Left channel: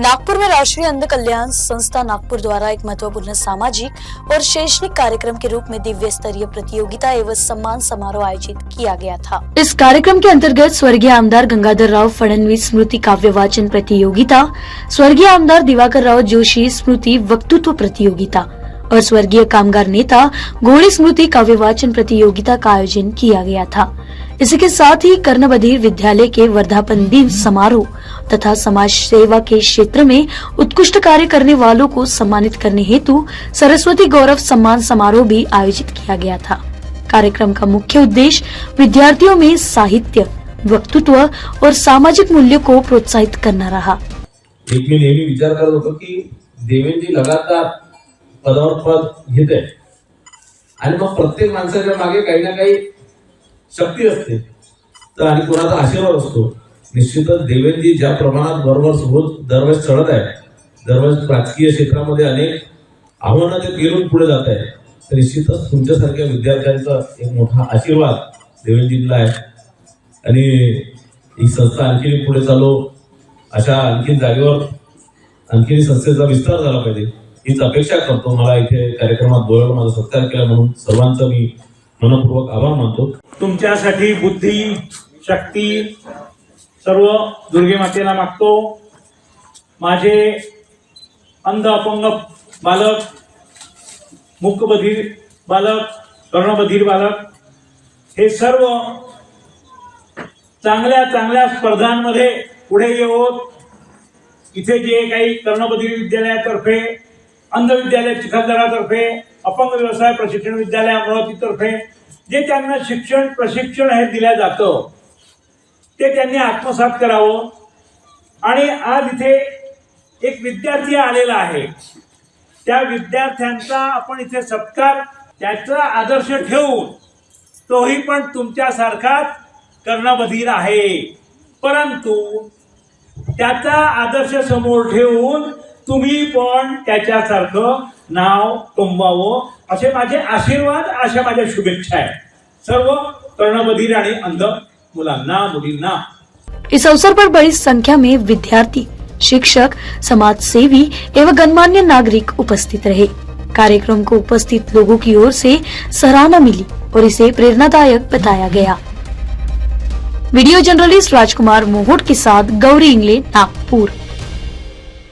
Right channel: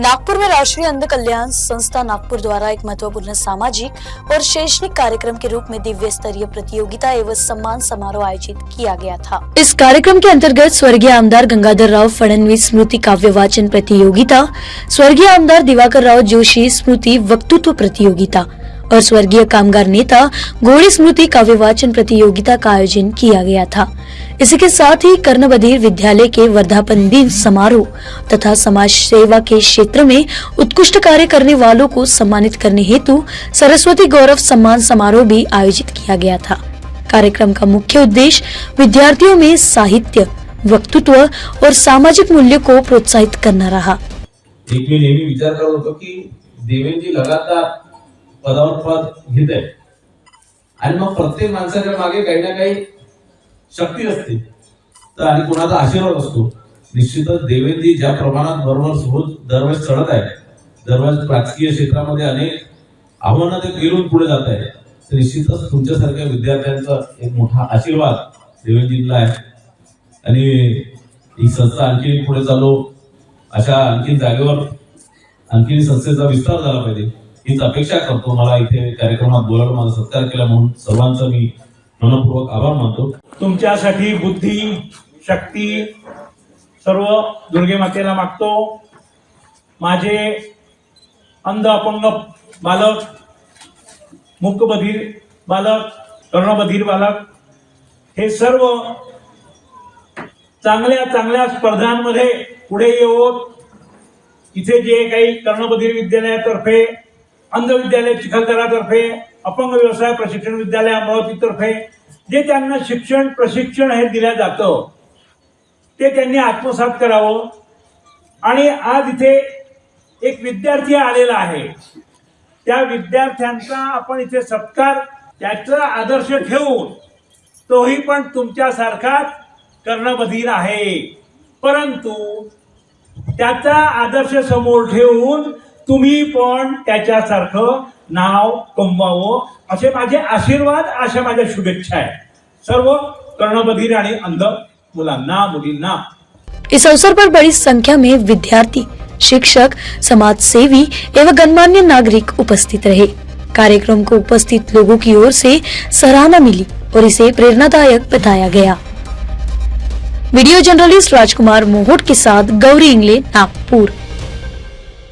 नागपुर में राष्ट्रीय अंध कल्याण संस्था नागपुर द्वारा एक महत्वपूर्ण सामाजिक और शैक्षणिक कार्यक्रम के रूप में दिव्य स्तरीय प्रतियोगिता एवं सम्मान समारोह आयोजित किया गया था। इस कार्यक्रम के अंतर्गत स्वर्गीय आमदार गंगाधर राव फडणवीस स्मृति काव्य वाचन प्रतियोगिता, स्वर्गीय आमदार दिवाकर राव जोशी स्मृति वक्तृत्व प्रतियोगिता और स्वर्गीय कामगार नेता घोड़े स्मृति काव्य वाचन प्रतियोगिता का आयोजन किया गया था। इसी के साथ ही कर्णबधिर विद्यालय के वर्धापन दिन समारोह तथा समाज सेवा के क्षेत्र में उत्कृष्ट कार्य करने वालों को सम्मानित करने हेतु सरस्वती गौरव सम्मान समारोह भी आयोजित किया गया था। कार्यक्रम का मुख्य उद्देश्य विद्यार्थियों में साहित्य, वक्तृत्व और सामाजिक मूल्य को प्रोत्साहित करना रहा। एक मी नेहमी विचार करत होतो की देवेंद्रजी लगातार पदावर पद घेत आहेत आणि मग प्रत्येक माणसाच्या मागे काही ना काही शक्ती असते तर आणि कोणाचा आशीर्वाद असतो। निश्चितच देवेंद्रजी ज्या प्रमाणात बरोबर दरवर्षी चढत आहे, दरवर्षी राजकीय क्षेत्रामध्ये अनेक आव्हानं ते पेरून पुढे जात आहे, तर निश्चितच तुमच्यासारख्या विद्यार्थ्यांचा एक मोठा आशीर्वाद देवेंद्रजींना आहे आणि ही संस्था आणखी पुढे चालू अशा आणखी जागेवर आणखी संस्थेचा विस्तार झाला पाहिजे हीच अपेक्षा करतो। मला इथे कार्यक्रमात बोलावून माझा सत्कार केला म्हणून सर्वांचा मी मनपूर्वक आभार मानतो। तुमच्यासाठी बुद्धी, शक्ती सर्व दुर्गे मातेला मागतो। माझे अंध अपंग बालक, मूकबधीर बालक, कर्णबधीर बालक हे सर्व चांगल्या चांगल्या स्पर्धांमध्ये पुढे येऊन इथे जे काही कर्णबधीर विद्यालयातर्फे, अंध विद्यालय चिखलदरातर्फे, अपंग व्यवसाय प्रशिक्षण विद्यालय अमरावतीतर्फे जे त्यांना शिक्षण प्रशिक्षण हे दिलं जातं ते त्यांनी आत्मसात करावं। आणि आज इथे एक विद्यार्थी आलेला आहे, त्या विद्यार्थ्यांचा आपण इथे सत्कार, त्याचा आदर्श ठेवून तोही पण तुमच्यासारखाच कर्णबधीर आहे, परंतु त्याचा आदर्श समोर ठेवून तुम्ही पण त्याच्यासारखं नाव कमवावं असे माझे आशीर्वाद, अशा माझ्या शुभेच्छा आहेत सर्व कर्णबधीर आणि अंध मुलांना, मुलींना। इस अवसर पर बड़ी संख्या में विद्यार्थी, शिक्षक, समाज सेवी एवं गणमान्य नागरिक उपस्थित रहे। कार्यक्रम को उपस्थित लोगों की ओर से सराहना मिली और इसे प्रेरणादायक बताया गया। वीडियो जर्नलिस्ट राजकुमार मोहोट के साथ गौरी इंगले, नागपुर।